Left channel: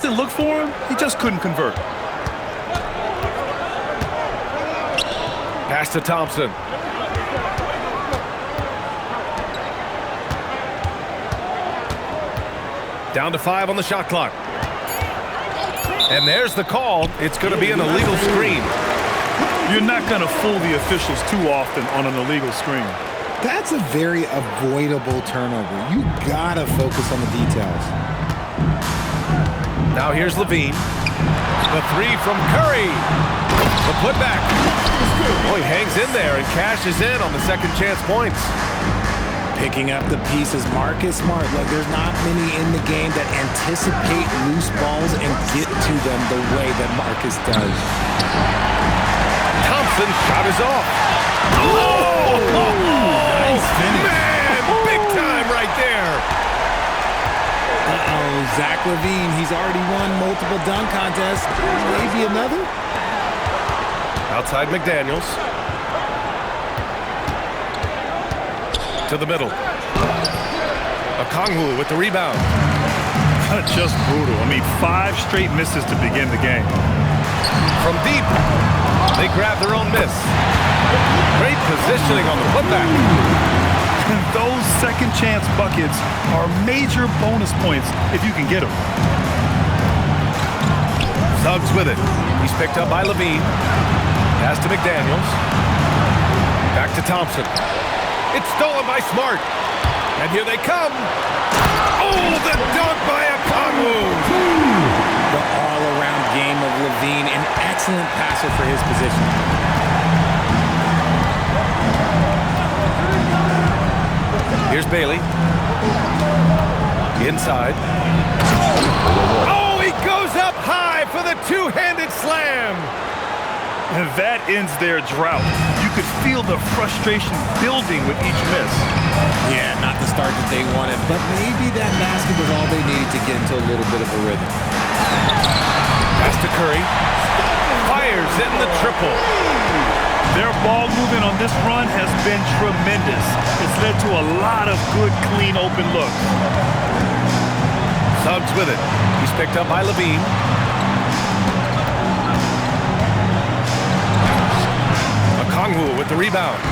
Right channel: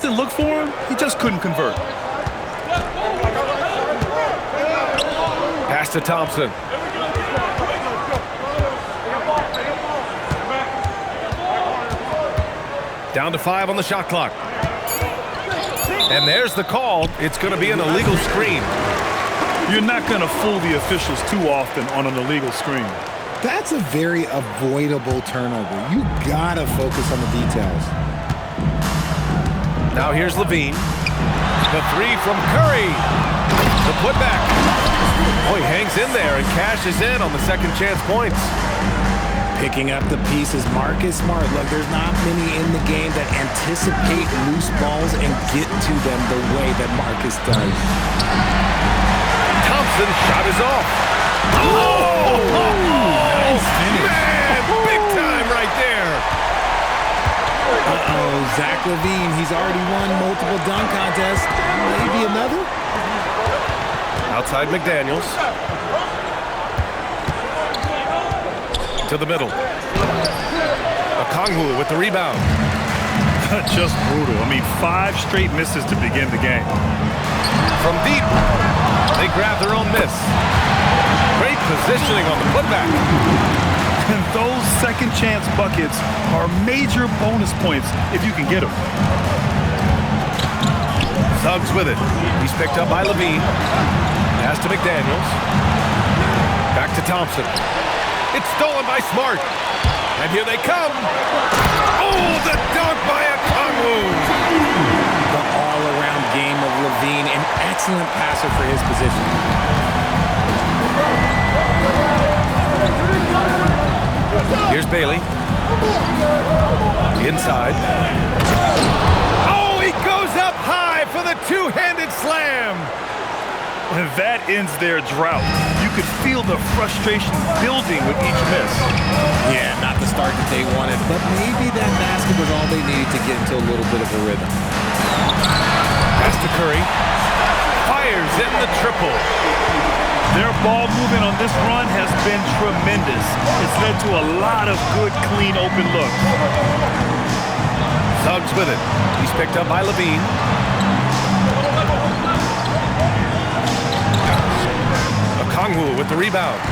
Didn't look for him. He just couldn't convert. Pass to Thompson. Down to 5 on the shot clock. And there's the call. It's going to be an illegal screen. You're not going to fool the officials too often on an illegal screen. That's a very avoidable turnover. You gotta focus on the details. Now here's Levine. The 3 from Curry. The putback. Oh, he hangs in there and cashes in on the second chance points. Picking up the pieces, Marcus Smart. Look, there's not many in the game that anticipate loose balls and get to them the way that Marcus does. Thompson's shot is off. Oh! Nice finish. Man, big time right there. Uh-oh, Zach LaVine. He's already won multiple dunk contests. Maybe another? Outside McDaniels. To the middle. Okongwu with the rebound. Just brutal. I mean, 5 straight misses to begin the game. From deep, they grab their own miss. Great positioning on the putback. And those second chance buckets are major bonus points if you can get them. Suggs with it. He's picked up by Levine. Pass to McDaniels. Back to Thompson. It's stolen by Smart. And here they come. Oh, the dunk by Okongwu. The all-around game of LaVine, an excellent passer for his position. Here's Bailey. Inside. Oh, he goes up high for the two-handed slam. And that ends their drought. You could feel the frustration building with each miss. Yeah, not the start that they wanted, but maybe that basket was all they needed to get into a little bit of a rhythm. Pass to Curry. Fires in the triple. Their ball movement on this run has been tremendous. It's led to a lot of good, clean, open looks. Suggs with it. He's picked up by Levine. Okongwu with the rebound.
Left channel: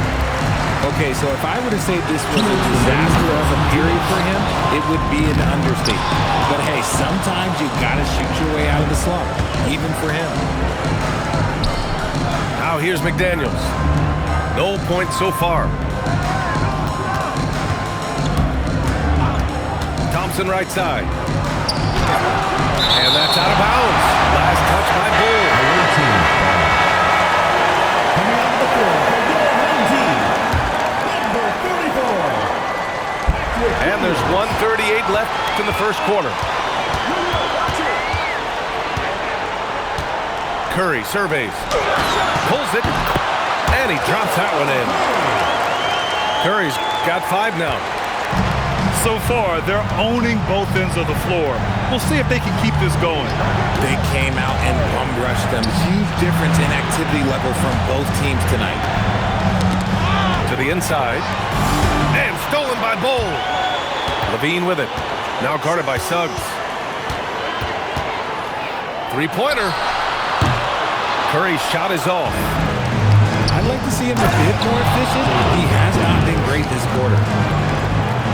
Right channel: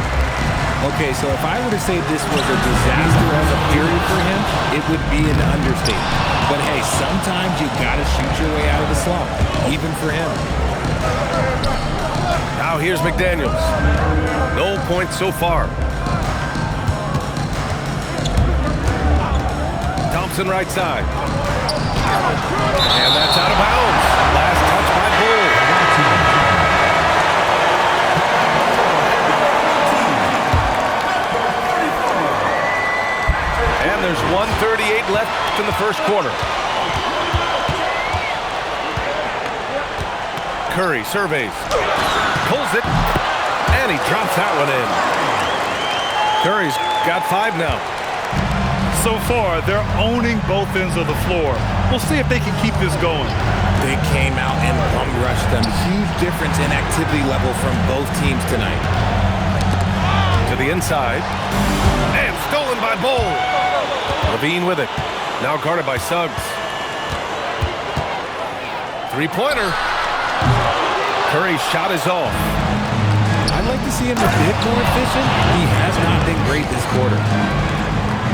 Okay, so if I were to say this was a disaster of a period for him, it would be an understatement. But hey, sometimes you gotta shoot your way out of the slump, even for him. Now here's McDaniels. No points so far. Thompson right side. And that's out of bounds. Last touch by Bull. And there's 1:38 left in the first quarter. Curry surveys. Pulls it. And he drops that one in. Curry's got 5 now. So far, they're owning both ends of the floor. We'll see if they can keep this going. They came out and bum rushed them. Huge difference in activity level from both teams tonight. To the inside. And stolen by Bull. Levine with it. Now guarded by Suggs. Three-pointer. Curry's shot is off. I'd like to see him a bit more efficient. He has not been great this quarter.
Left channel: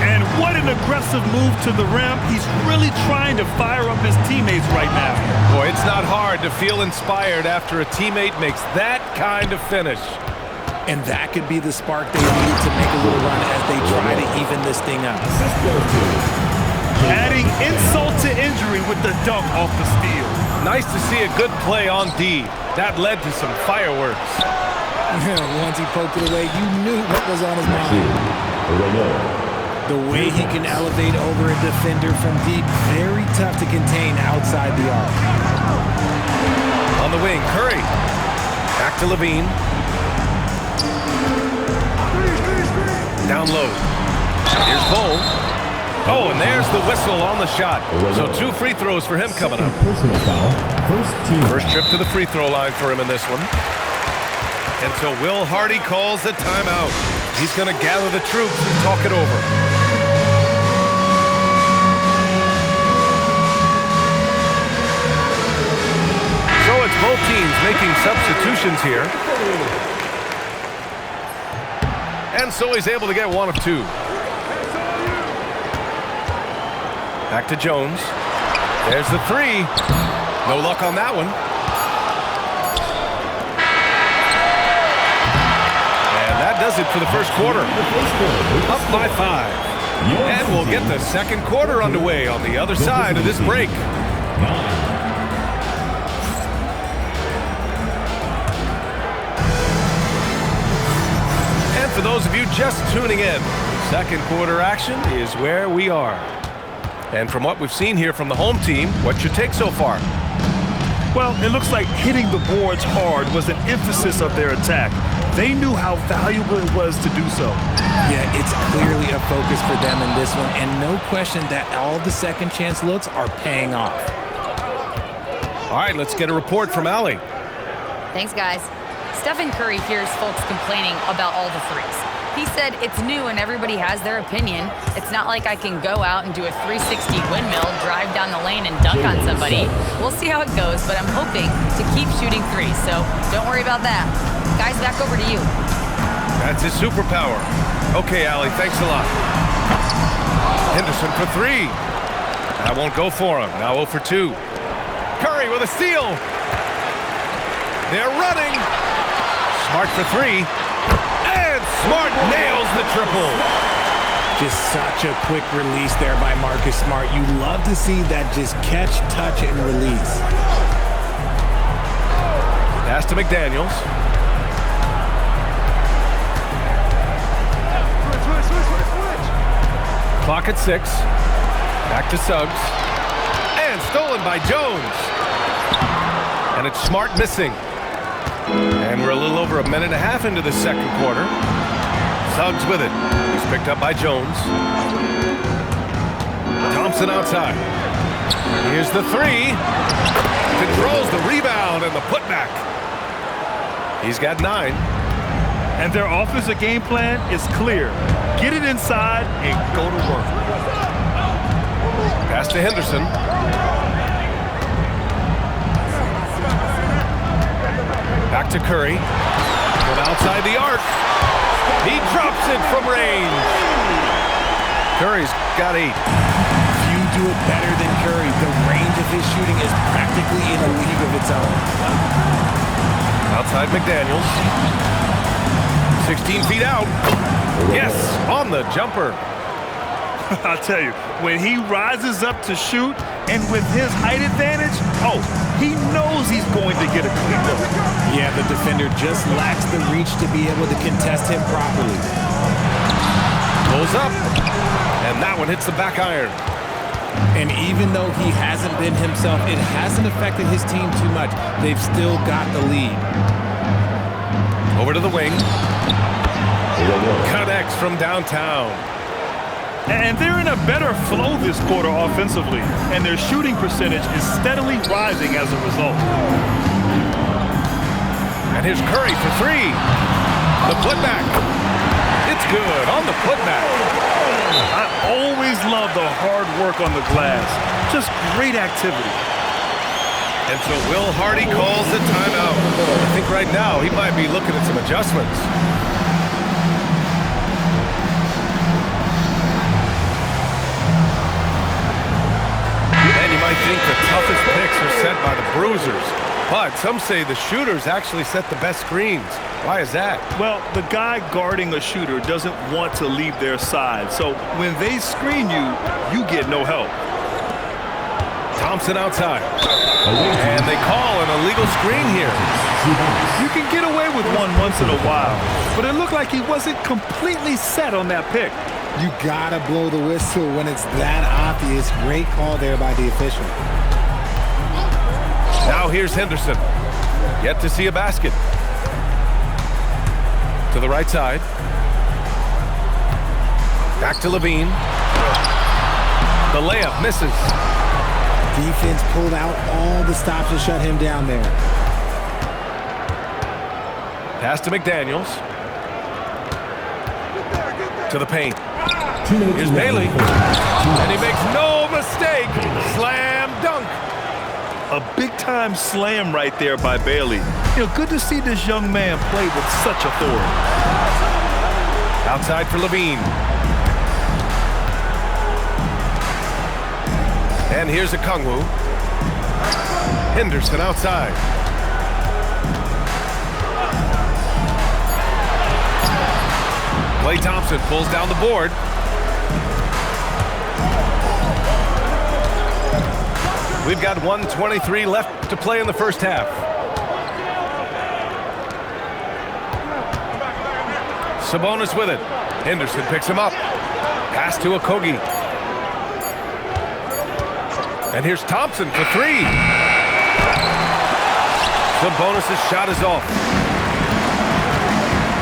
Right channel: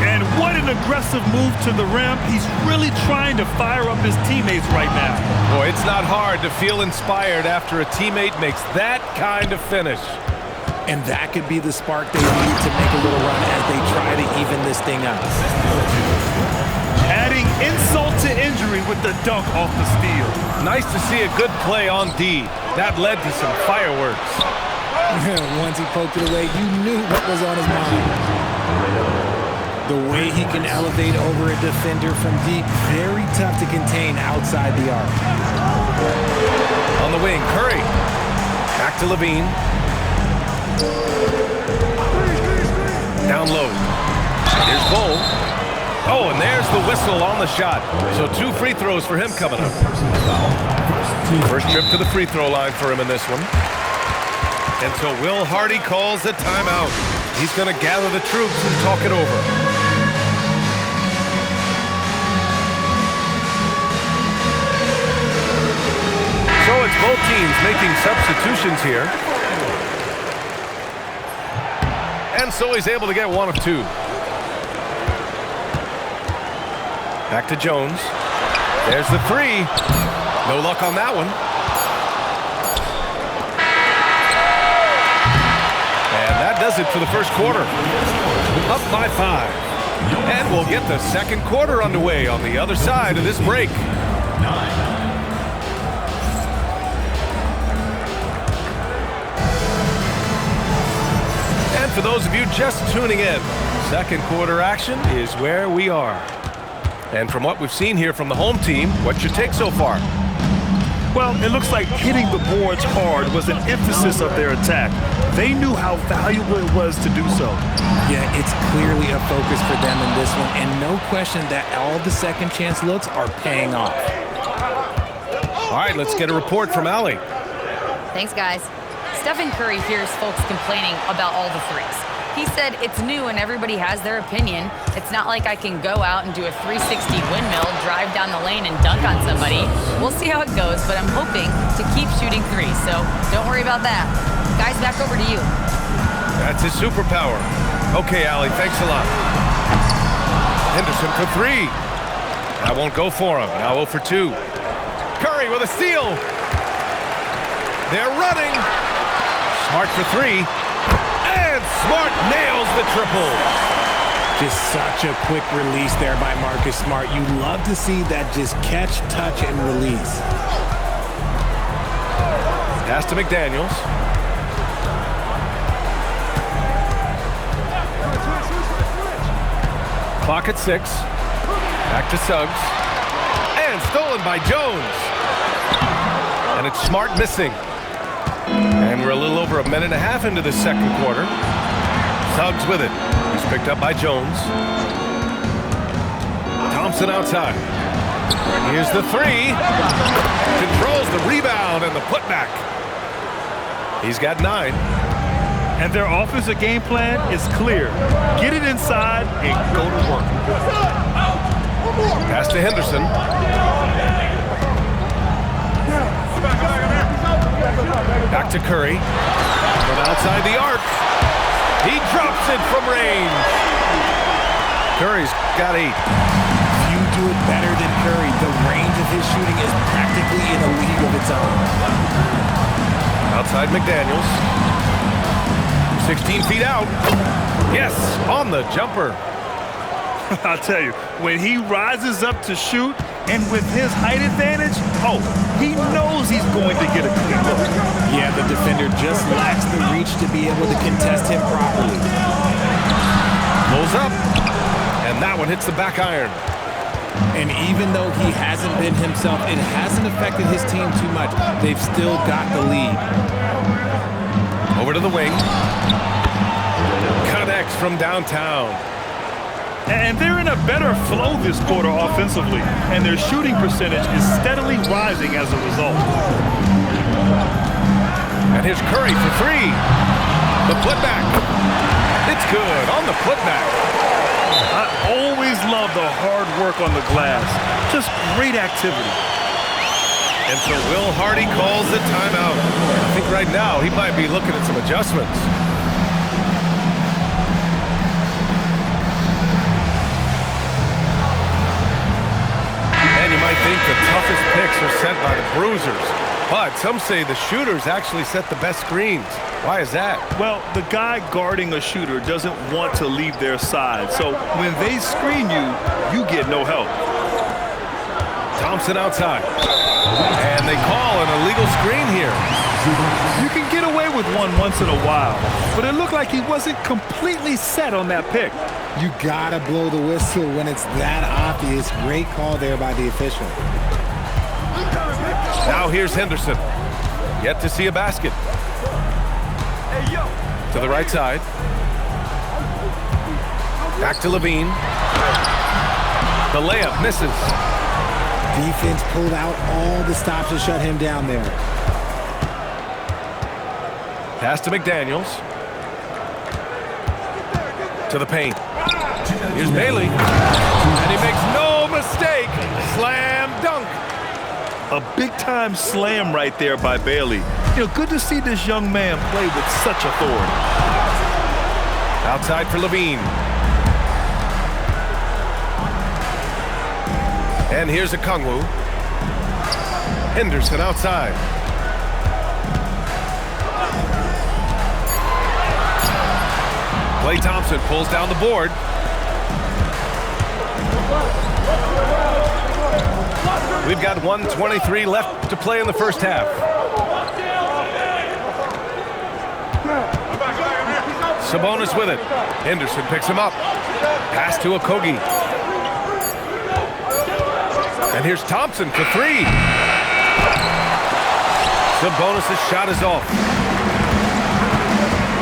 And what an aggressive move to the rim. He's really trying to fire up his teammates right now. Boy, it's not hard to feel inspired after a teammate makes that kind of finish. And that could be the spark they need to make a little run as they try to even this thing up. Adding insult to injury with the dunk off the steal. Nice to see a good play on D. That led to some fireworks. Once he poked it away, you knew what was on his mind. The way he can elevate over a defender from deep, very tough to contain outside the arc. On the wing, Curry. Back to Levine. Down low. Here's Bull. Oh, and there's the whistle on the shot. So 2 free throws for him coming up. First trip to the free throw line for him in this one. And so Will Hardy calls a timeout. He's going to gather the troops and talk it over. So it's both teams making substitutions here. And so he's able to get one of two. Back to Jones. There's the three. No luck on that one. And that does it for the first quarter. Up by 5. And we'll get the second quarter underway on the other side of this break. 9. And for those of you just tuning in, second quarter action is where we are. And from what we've seen here from the home team, what's your take so far? Well, it looks like hitting the boards hard was an emphasis of their attack. They knew how valuable it was to do so. Yeah, it's clearly a focus for them in this one, and no question that all the second chance looks are paying off. All right, let's get a report from Allie. Thanks, guys. Stephen Curry hears folks complaining about all the threes. He said it's new and everybody has their opinion. It's not like I can go out and do a 360 windmill, drive down the lane, and dunk on somebody. We'll see how it goes, but I'm hoping to keep shooting threes, so don't worry about that. Guys, back over to you. That's his superpower. Okay, Allie, thanks a lot. Henderson for three. I won't go for him. Now 0 for 2. Curry with a steal. They're running. Smart for three. And Smart nails the triple. Just such a quick release there by Marcus Smart. You love to see that just catch, touch, and release. Pass to McDaniels. Clock at 6. Back to Suggs. And stolen by Jones. And it's Smart missing. And we're a little over a minute and a half into the second quarter. Suggs with it. He's picked up by Jones. Thompson outside. Here's the three. Controls the rebound and the putback. He's got 9. And their offensive game plan is clear. Get it inside and go to work. Pass to Henderson. Back to Curry. From outside the arc. He drops it from range. Curry's got 8. Few do it better than Curry. The range of his shooting is practically in a league of its own. Outside McDaniels. 16 feet out. Yes, on the jumper. I'll tell you, when he rises up to shoot and with his height advantage, he knows he's going to get a clean look. Yeah, the defender just lacks the reach to be able to contest him properly. Pulls up, and that one hits the back iron. And even though he hasn't been himself, it hasn't affected his team too much. They've still got the lead. Over to the wing. Connects from downtown. And they're in a better flow this quarter offensively, and their shooting percentage is steadily rising as a result. And here's Curry for 3. The putback. It's good on the putback. I always love the hard work on the glass. Just great activity. And so Will Hardy calls the timeout. I think right now he might be looking at some adjustments. And you might think the toughest picks are set by the bruisers. But some say the shooters actually set the best screens. Why is that? Well, the guy guarding a shooter doesn't want to leave their side. So when they screen you, you get no help. Thompson outside. And they call an illegal screen here. You can get away with one once in a while, but it looked like he wasn't completely set on that pick. You gotta blow the whistle when it's that obvious. Great call there by the official. Now here's Henderson. Yet to see a basket. To the right side. Back to Levine. The layup misses. Defense pulled out all the stops to shut him down there. Pass to McDaniels. To the paint. Here's Bailey. And he makes no mistake. Slam dunk. A big-time slam right there by Bailey. You know, good to see this young man play with such authority. Outside for Levine. And here's Okongwu. Henderson outside. Klay Thompson pulls down the board. We've got 1:23 left to play in the first half. Sabonis with it. Henderson picks him up. Pass to Okogie. And here's Thompson for three. Sabonis' shot is off.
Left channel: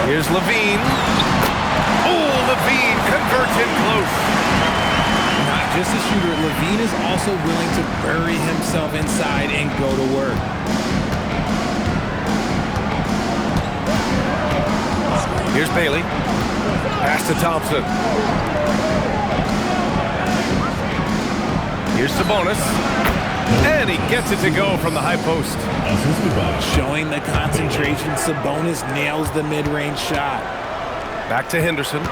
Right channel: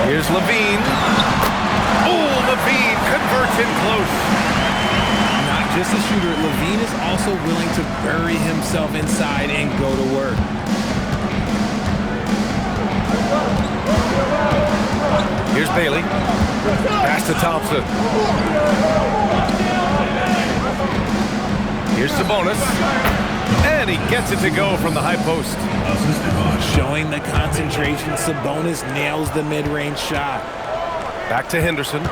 Here's Levine. Oh, Levine converts in close. Not just a shooter, Levine is also willing to bury himself inside and go to work. Here's Bailey. Pass to Thompson. Here's Sabonis. And he gets it to go from the high post. Showing the concentration, Sabonis nails the mid-range shot. Back to Henderson.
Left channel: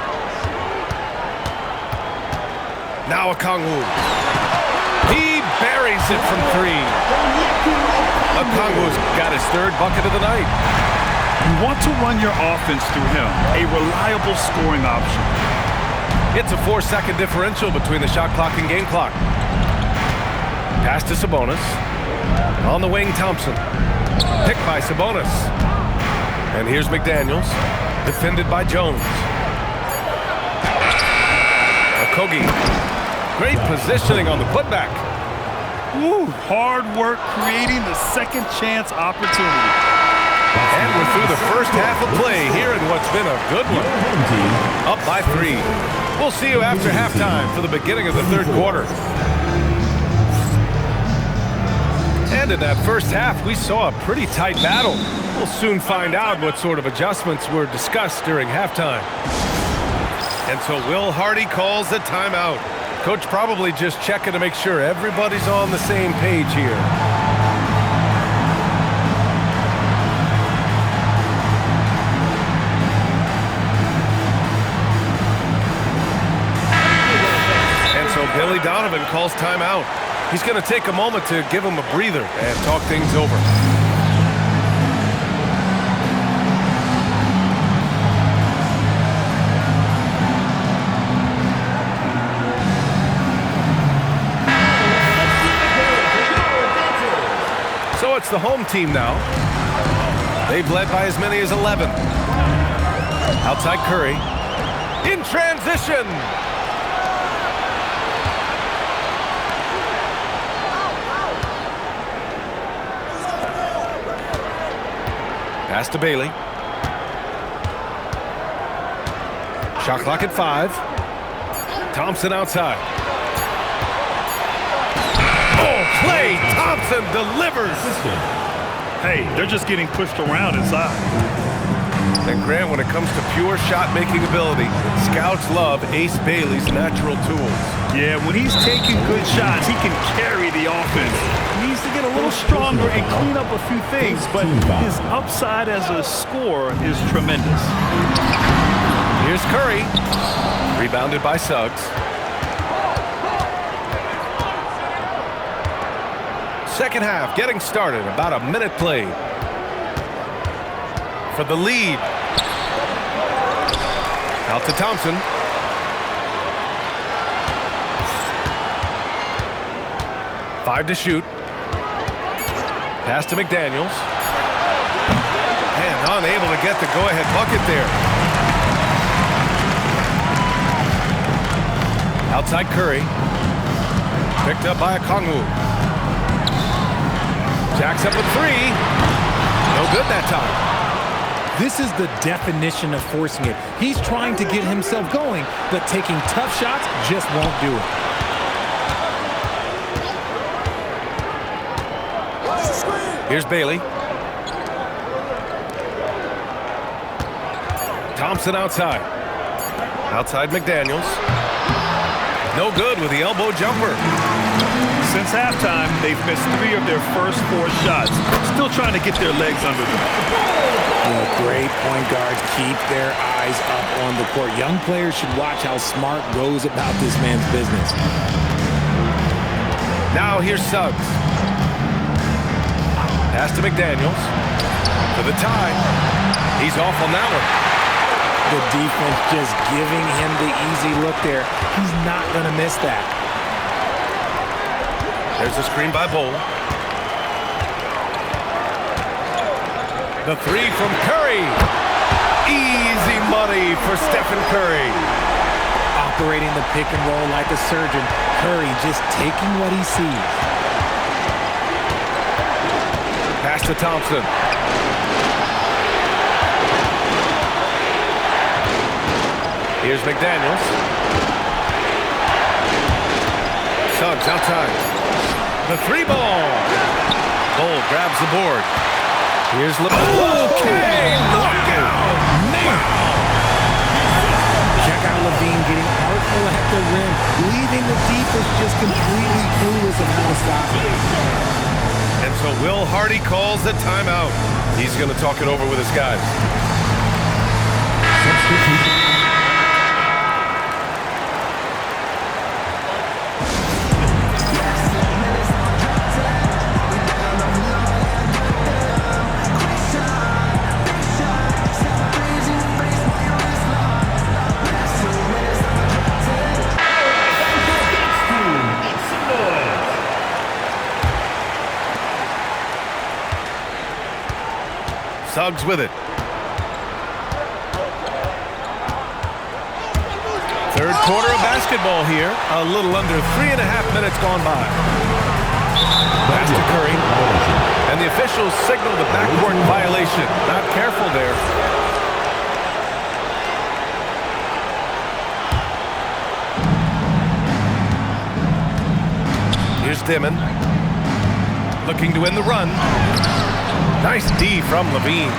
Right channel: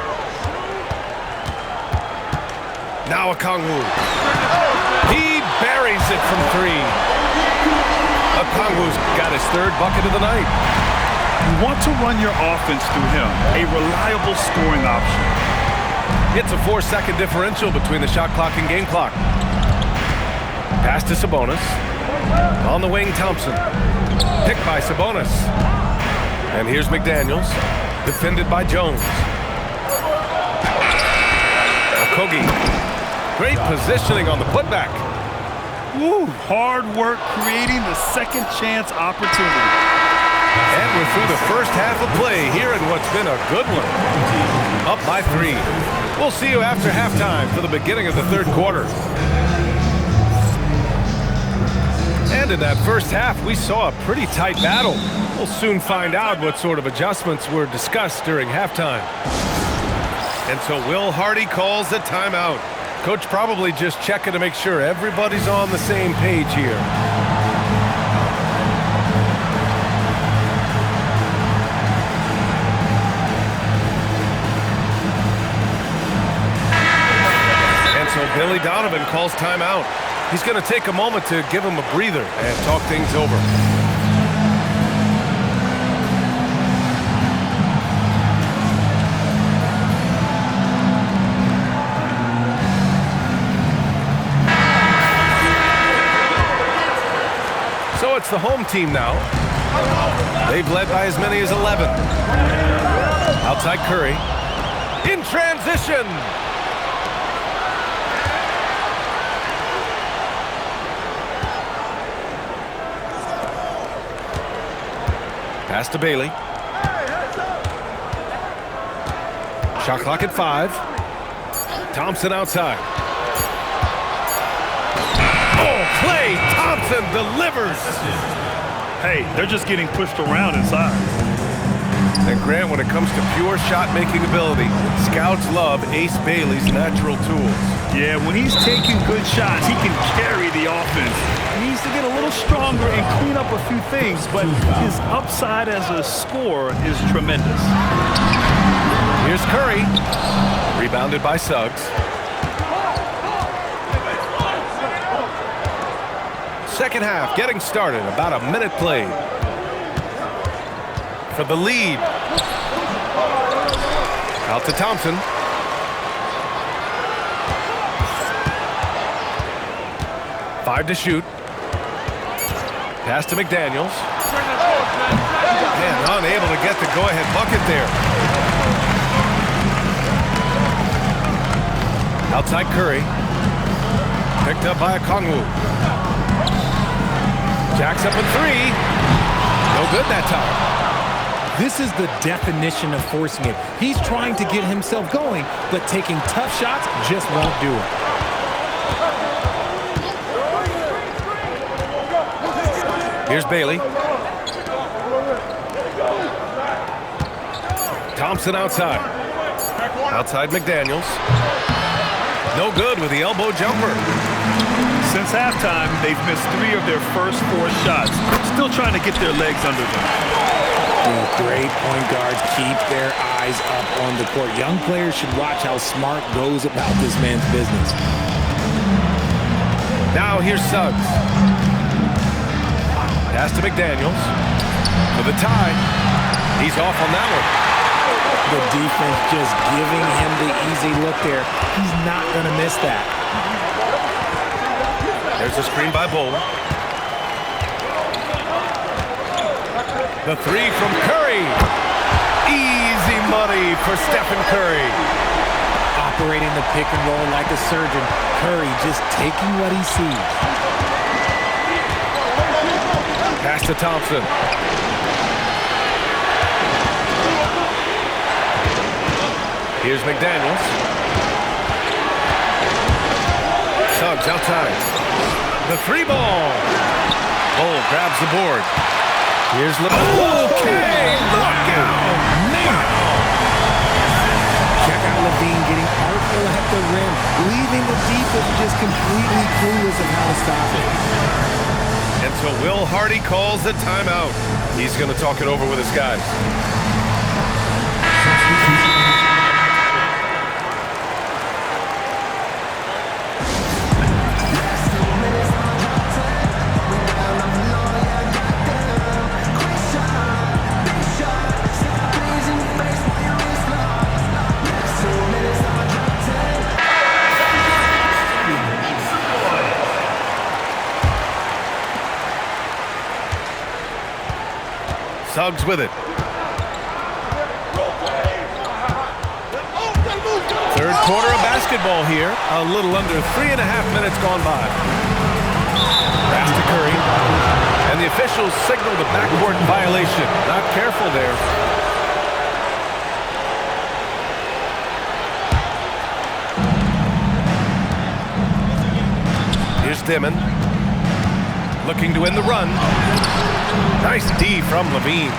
Now Okongwu. He buries it from three. Okongwu's got his third bucket of the night. You want to run your offense through him, a reliable scoring option. It's a 4-second differential between the shot clock and game clock. Pass to Sabonis. On the wing, Thompson. Picked by Sabonis. And here's McDaniels. Defended by Jones. Okogie. Great positioning on the putback. Woo, hard work creating the second chance opportunity. And we're through the first half of play here in what's been a good one. Up by 3. We'll see you after halftime for the beginning of the third quarter. And in that first half, we saw a pretty tight battle. We'll soon find out what sort of adjustments were discussed during halftime. And so Will Hardy calls the timeout. Coach probably just checking to make sure everybody's on the same page here. And so Billy Donovan calls timeout. He's going to take a moment to give him a breather and talk things over. So it's the home team now. They've led by as many as 11. Outside Curry. In transition. Pass to Bailey. Shot clock at 5. Thompson outside. Oh, Klay Thompson delivers. Hey, they're just getting pushed around inside. And Grant, when it comes to pure shot-making ability, scouts love Ace Bailey's natural tools. Yeah, when he's taking good shots, he can carry the offense. He needs to get a little stronger and clean up a few things, but his upside as a scorer is tremendous. Here's Curry. Rebounded by Suggs. Second half getting started. About a minute played. For the lead. Out to Thompson. Five to shoot. Pass to McDaniels. And unable to get the go-ahead bucket there. Outside Curry. Picked up by Okongwu. Jacks up in 3. No good that time. This is the definition of forcing it. He's trying to get himself going, but taking tough shots just won't do it. Here's Bailey. Thompson outside. Outside McDaniels. No good with the elbow jumper. Since halftime, they've missed 3 of their first 4 shots. Still trying to get their legs under them. Great point guards keep their eyes up on the court. Young players should watch how Smart goes about this man's business. Now here's Suggs. Pass to McDaniels for the tie. He's off on that one. The defense just giving him the easy look there. He's not going to miss that. There's a screen by Bull. The 3 from Curry. Easy money for Stephen Curry. Operating the pick and roll like a surgeon. Curry just taking what he sees. Pass to Thompson. Here's McDaniels. Suggs outside. The 3 ball. Bull grabs the board. Here's LeBron. Okay, look out. Wow. Check out Levine getting artful at the rim, leaving the defense just completely clueless of how to stop it. And so Will Hardy calls the timeout. He's going to talk it over with his guys. Suggs with it. Third quarter of basketball here. A little under 3.5 minutes gone by. Pass to Curry. And the officials signal the backcourt violation. Not careful there. Here's Dimon. Looking to win the run. Nice D from Levine.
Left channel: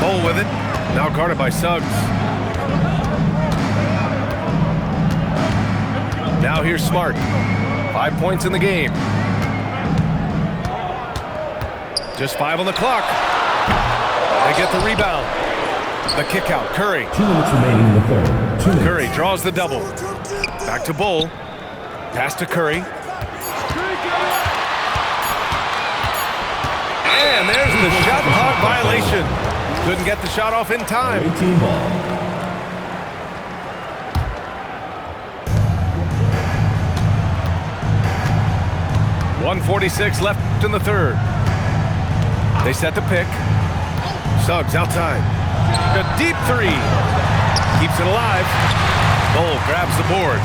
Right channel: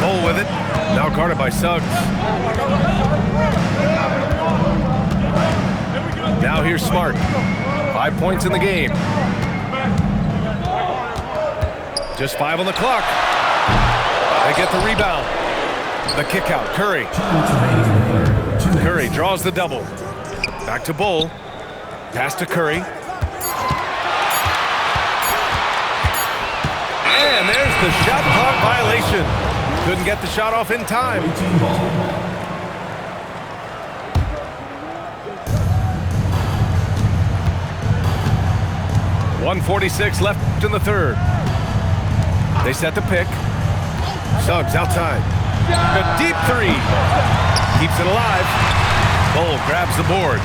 Bull with it. Now guarded by Suggs. Now here's Smart. 5 points in the game. Just 5 on the clock. They get the rebound. The kick out. Curry. 2 minutes remaining in the third. 2 minutes. Curry draws the double. Back to Bull. Pass to Curry. And there's the shot clock violation. Couldn't get the shot off in time. 18 ball. .146 left in the third. They set the pick. Suggs outside. A deep 3. Keeps it alive. Bull grabs the board.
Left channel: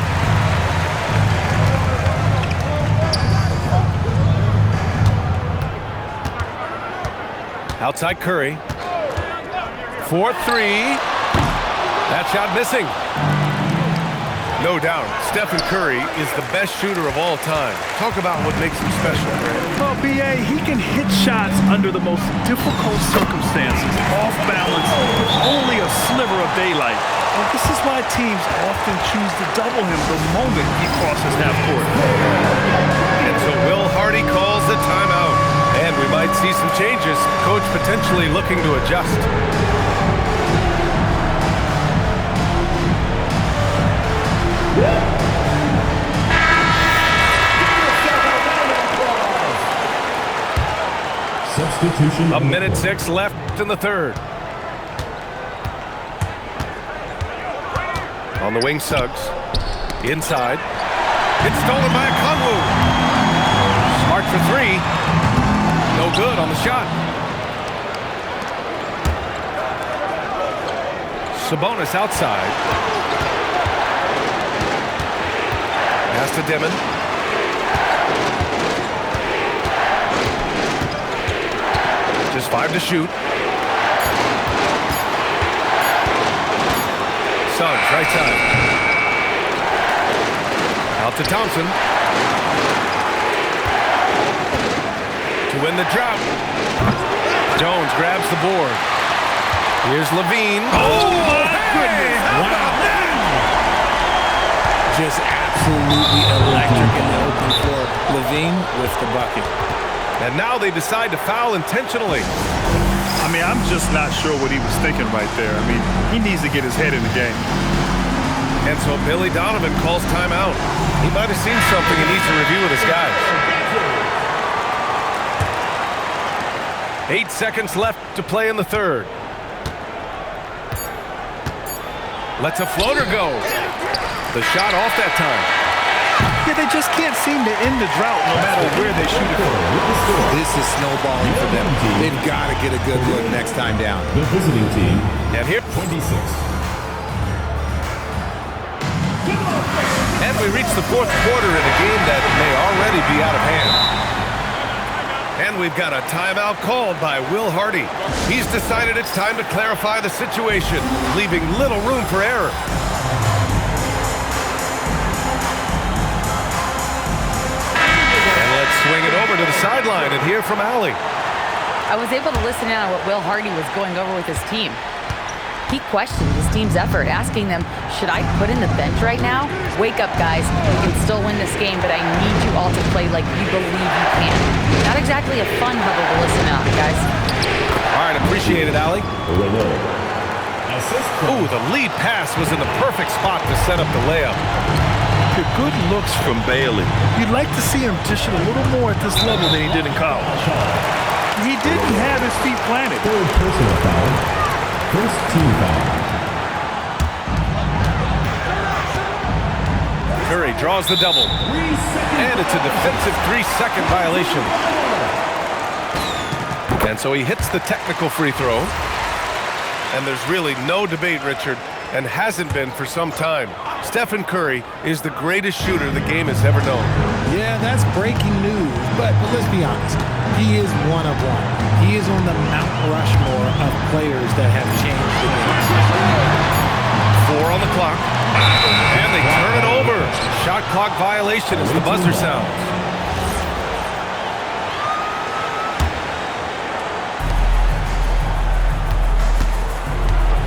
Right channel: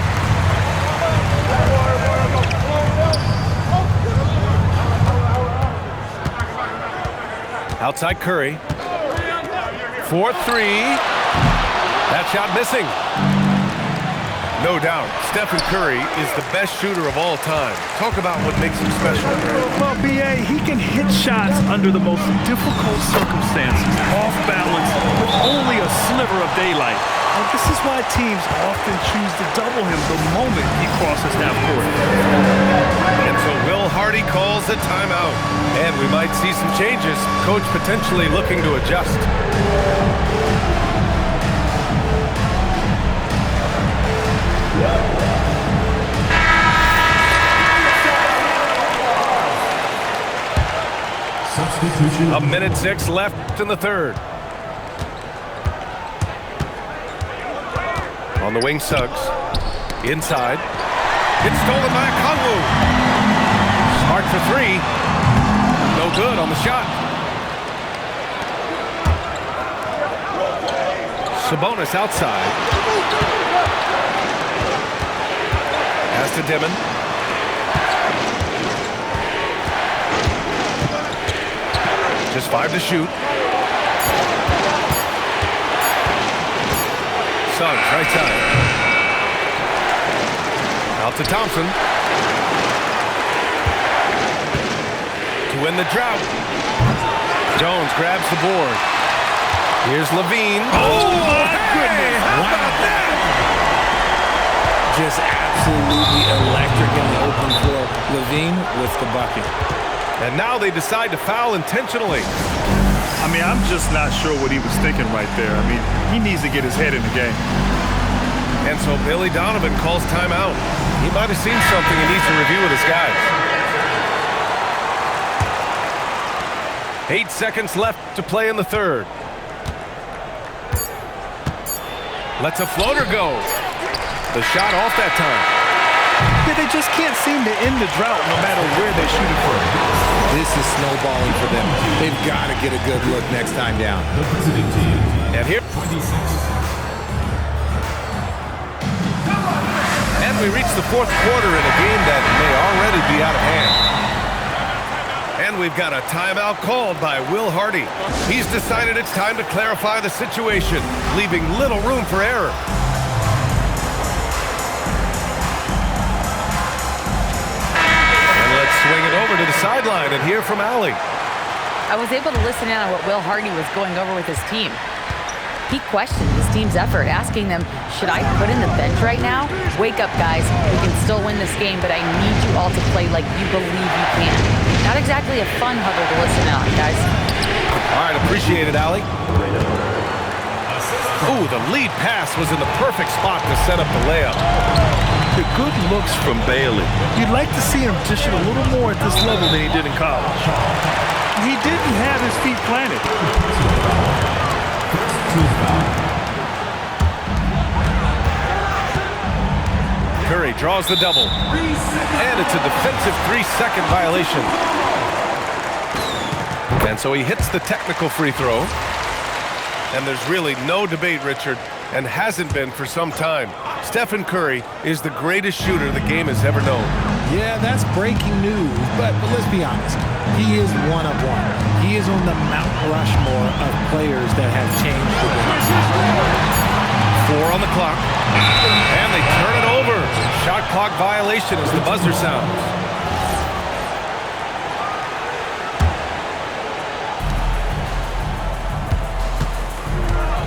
Outside Curry. 4-3. That shot missing. No doubt, Stephen Curry is the best shooter of all time. Talk about what makes him special, Grant. Well, B.A., he can hit shots under the most difficult circumstances, off balance, with only a sliver of daylight. And this is why teams often choose to double him the moment he crosses half court. And so Will Hardy calls the timeout. And we might see some changes. Coach potentially looking to adjust. Substitution. 1:06 left in the third. On the wing, Suggs. Inside. It's stolen by Okongwu. Smart for 3. No good on the shot. Sabonis outside. Pass to Dimon. Just 5 to shoot. Suggs, right side. Out to Thompson. To win the drought. Jones grabs the board. Here's Levine. Oh, my goodness. How Wow. about that? Just absolutely absolutely electric in the open floor. LaVine with the bucket. And now they decide to foul intentionally. I mean, I'm just not sure what he was thinking right there. I mean, he needs to get his head in the game. And so Billy Donovan calls timeout. He might have seen something and needs to review with his guys. 8 seconds left to play in the third. Lets a floater go. The shot off that time. Yeah, they just can't seem to end the drought no matter where they shoot it from. This is snowballing for them. They've got to get a good look next time down. The visiting team. And here, 26. and we reach the fourth quarter in a game that may already be out of hand. And we've got a timeout called by Will Hardy. He's decided it's time to clarify the situation, leaving little room for error. And let's swing it over to the sideline and hear from Allie. I was able to listen in on what Will Hardy was going over with his team. He questioned his team's effort, asking them, should I put in the bench right now? Wake up, guys. We can still win this game, but I need you all to play like you believe you can. Not exactly a fun huddle to listen on, guys. All right, appreciate it, Allie. Ooh, the lead pass was in the perfect spot to set up the layup. The good looks from Bailey. You'd like to see him dish it a little more at this level than he did in college. He didn't have his feet planted. Third personal foul. First team foul. Curry draws the double. And it's a defensive 3-second violation. And so he hits the technical free throw. And there's really no debate, Richard, and hasn't been for some time. Stephen Curry is the greatest shooter the game has ever known. Yeah, that's breaking news, but let's be honest. He is one of one. He is on the Mount Rushmore of players that have changed the game. 4 on the clock. And they turn it over. Shot clock violation as the buzzer sounds.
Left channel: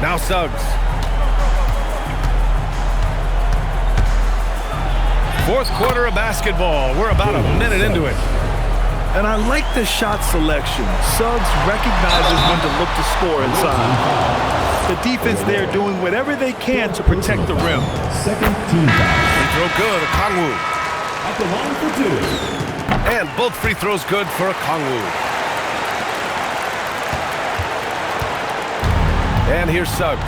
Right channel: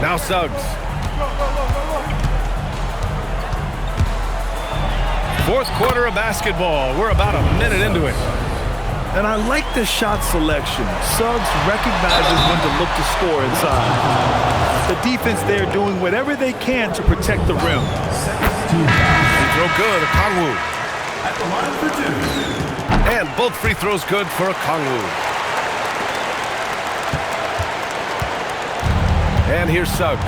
Now Suggs. Fourth quarter of basketball. We're about a minute into it. And I like the shot selection. Suggs recognizes when to look to score inside. The defense there doing whatever they can to protect the rim. Second team foul. Free throw good, Okongwu. At the line for 2. And both free throws good for Okongwu. And here's Suggs.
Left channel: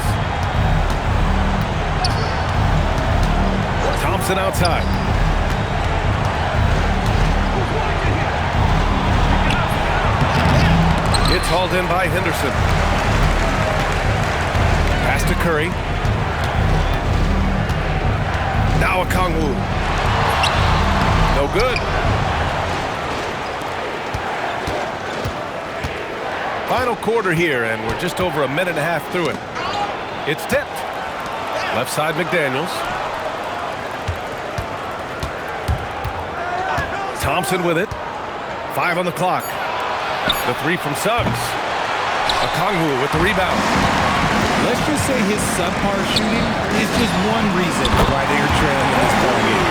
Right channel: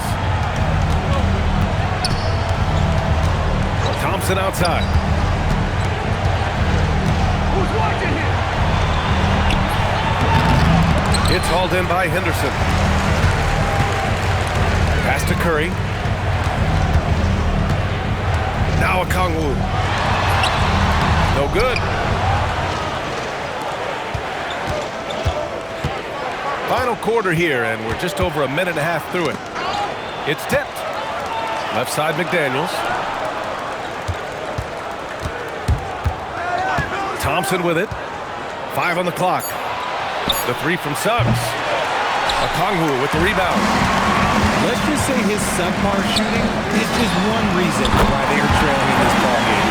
Thompson outside. It's hauled in by Henderson. Pass to Curry. Now Okongwu. No good. Final quarter here, and we're just over a minute and a half through it. It's tipped. Left side McDaniels. Thompson with it. 5 on the clock. The 3 from Suggs. Okongwu with the rebound. Let's just say his subpar shooting is just one reason why they are trailing in this ballgame.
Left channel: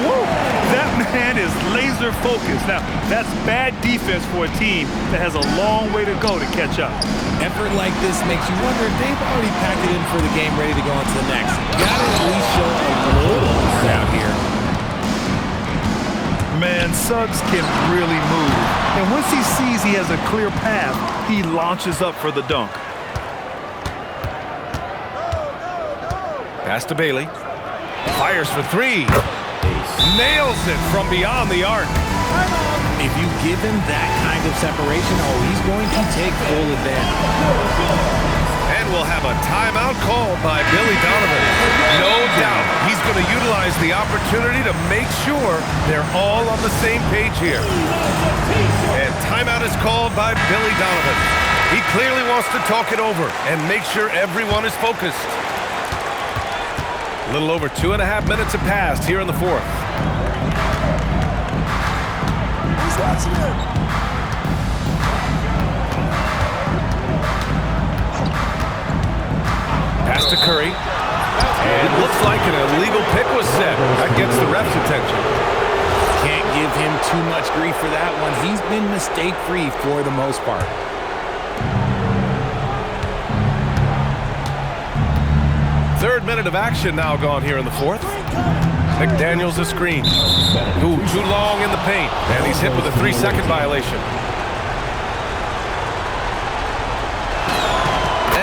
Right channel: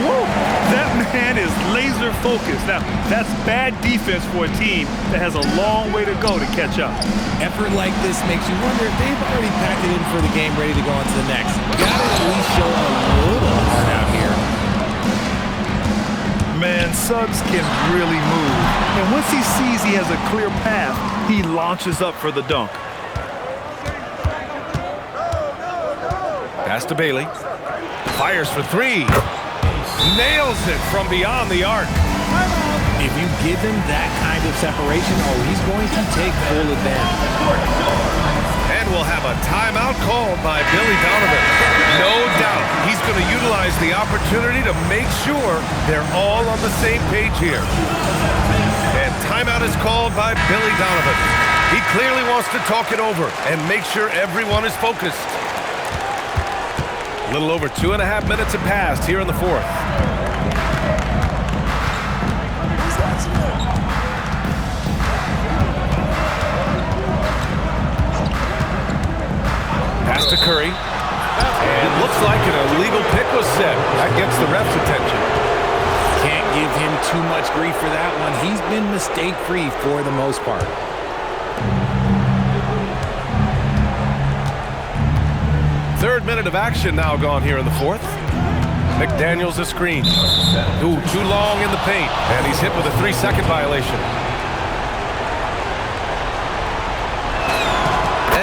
Whoa, that man is laser focused. Now, that's bad defense for a team that has a long way to go to catch up. Effort like this makes you wonder if they've already packed it in for the game, ready to go on to the next. Gotta at least show a little heart out here. Man, Suggs can really move. And once he sees he has a clear path, he launches up for the dunk. Pass to Bailey. Fires for 3. Nails it from beyond the arc. If you give him that kind of separation, he's going to take full advantage. And we'll have a timeout called by Billy Donovan. No doubt he's going to utilize the opportunity to make sure they're all on the same page here. And timeout is called by Billy Donovan. He clearly wants to talk it over and make sure everyone is focused. A little over 2.5 minutes have passed here in the fourth. Who's watching it? Pass to Curry. And looks Looks like an illegal pick was set. That gets the ref's attention. Can't give him too much grief for that one. He's been mistake-free for the most part. Third minute of action now gone here in the fourth. McDaniels a screen. Ooh, too long in the paint. And he's hit with a 3-second violation.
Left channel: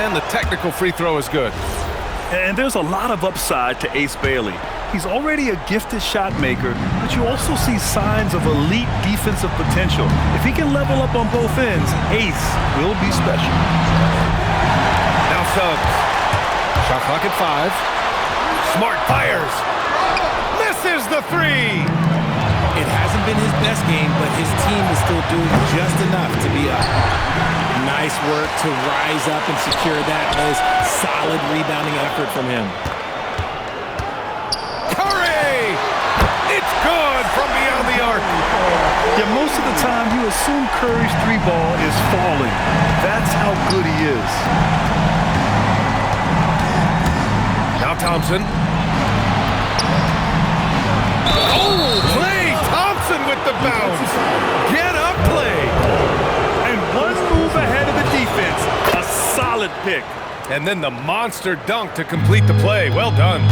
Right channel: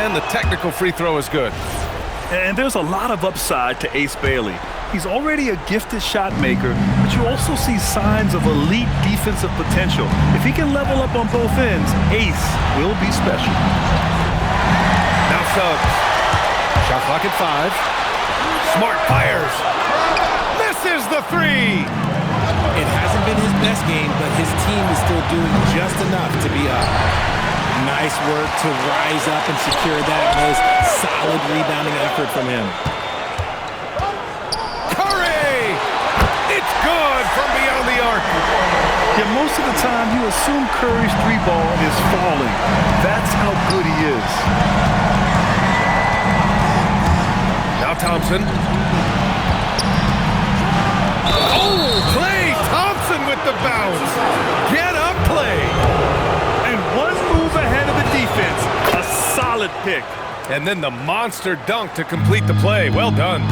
And the technical free throw is good. And there's a lot of upside to Ace Bailey. He's already a gifted shot maker, but you also see signs of elite defensive potential. If he can level up on both ends, Ace will be special. Now Suggs. Shot clock at 5. Smart fires. Misses the 3. It hasn't been his best game, but his team is still doing just enough to be up. Nice work to rise up and secure that miss. Solid rebounding effort from him. Curry! It's good from beyond the arc. Yeah, most of the time you assume Curry's 3-ball is falling. That's how good he is. Now Thompson. Oh, Klay Thompson with the bounce. Get up, Klay. And one move ahead of the defense. A solid pick. And then the monster dunk to complete the play. Well done.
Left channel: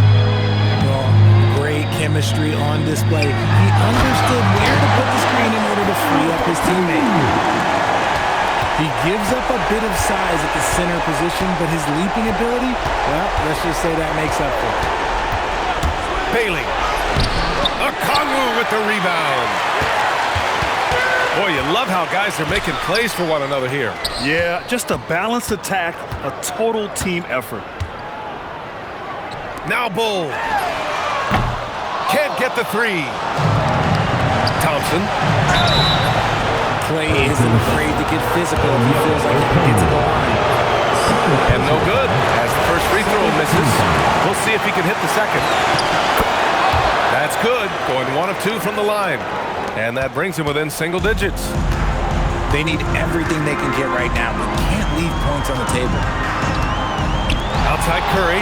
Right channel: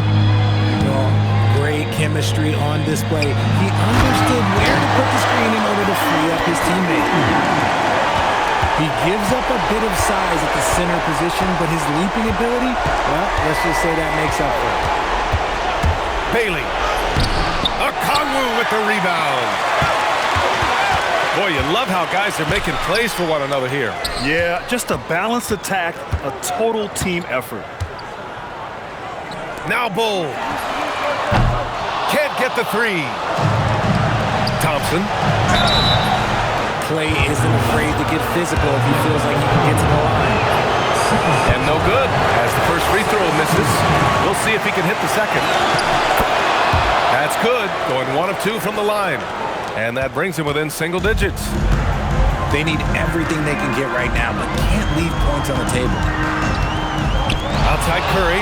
Well, great chemistry on display. He understood where to put the screen in order to free up his teammate. He gives up a bit of size at the center position, but his leaping ability, well, let's just say that makes up for it. Bailey. Okongwu with the rebound. Boy, you love how guys are making plays for one another here. Yeah, just a balanced attack, a total team effort. Now Bull. Can't get the 3. Thompson. Klay isn't afraid to get physical if he feels like he can get to the line. And no good, as the first free throw misses. We'll see if he can hit the second. That's good, going 1 of 2 from the line. And that brings him within single digits. They need everything they can get right now, but can't leave points on the table. Outside Curry,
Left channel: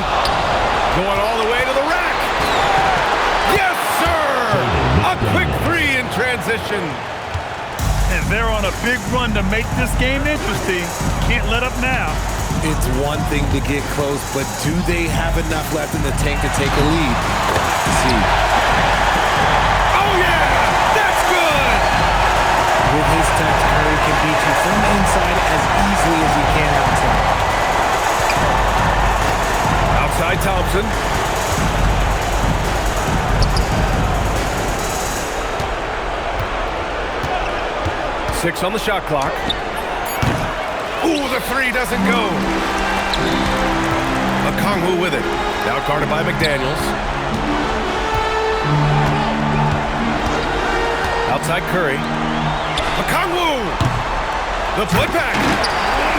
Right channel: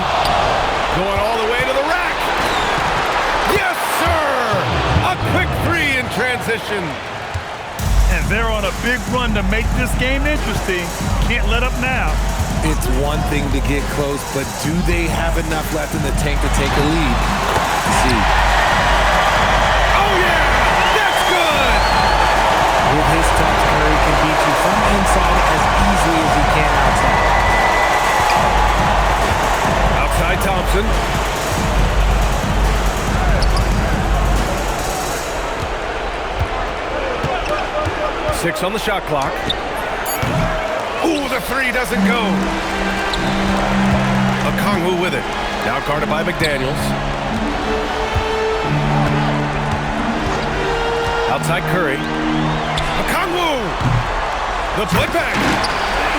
going all the way to the rack. Yes, sir! A quick 3 in transition. And they're on a big run to make this game interesting. Can't let up now. It's one thing to get close, but do they have enough left in the tank to take a lead? We'll have to see. Oh, yeah! That's good! With his touch, Curry can beat you from inside as easily as he can outside. Outside Thompson. Six on the shot clock. Ooh, the 3 doesn't go. Okongwu with it. Now guarded by McDaniels. Outside Curry. Okongwu! The putback!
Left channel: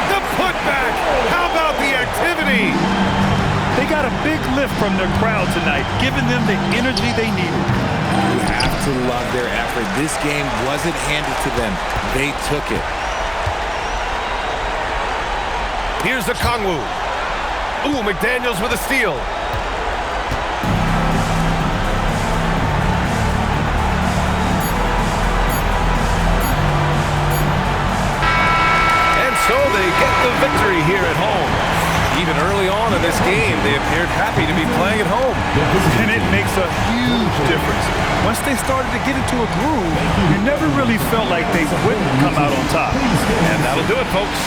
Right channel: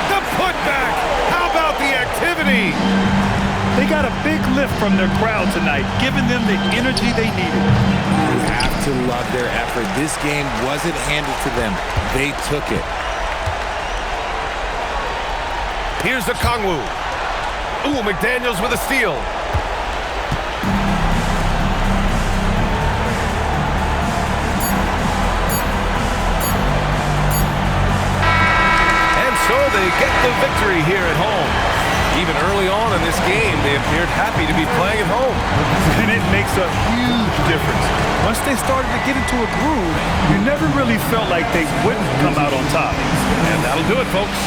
The putback! How about the activity? They got a big lift from their crowd tonight, giving them the energy they needed. You have to love their effort. This game wasn't handed to them. They took it. Here's Okongwu. Ooh, McDaniels with a steal. And so they get the victory here at home. Even early on in this game, they appeared happy to be playing at home. And it makes a huge difference. Once they started to get into a groove, you never really felt like they wouldn't come out on top. And that'll do it, folks.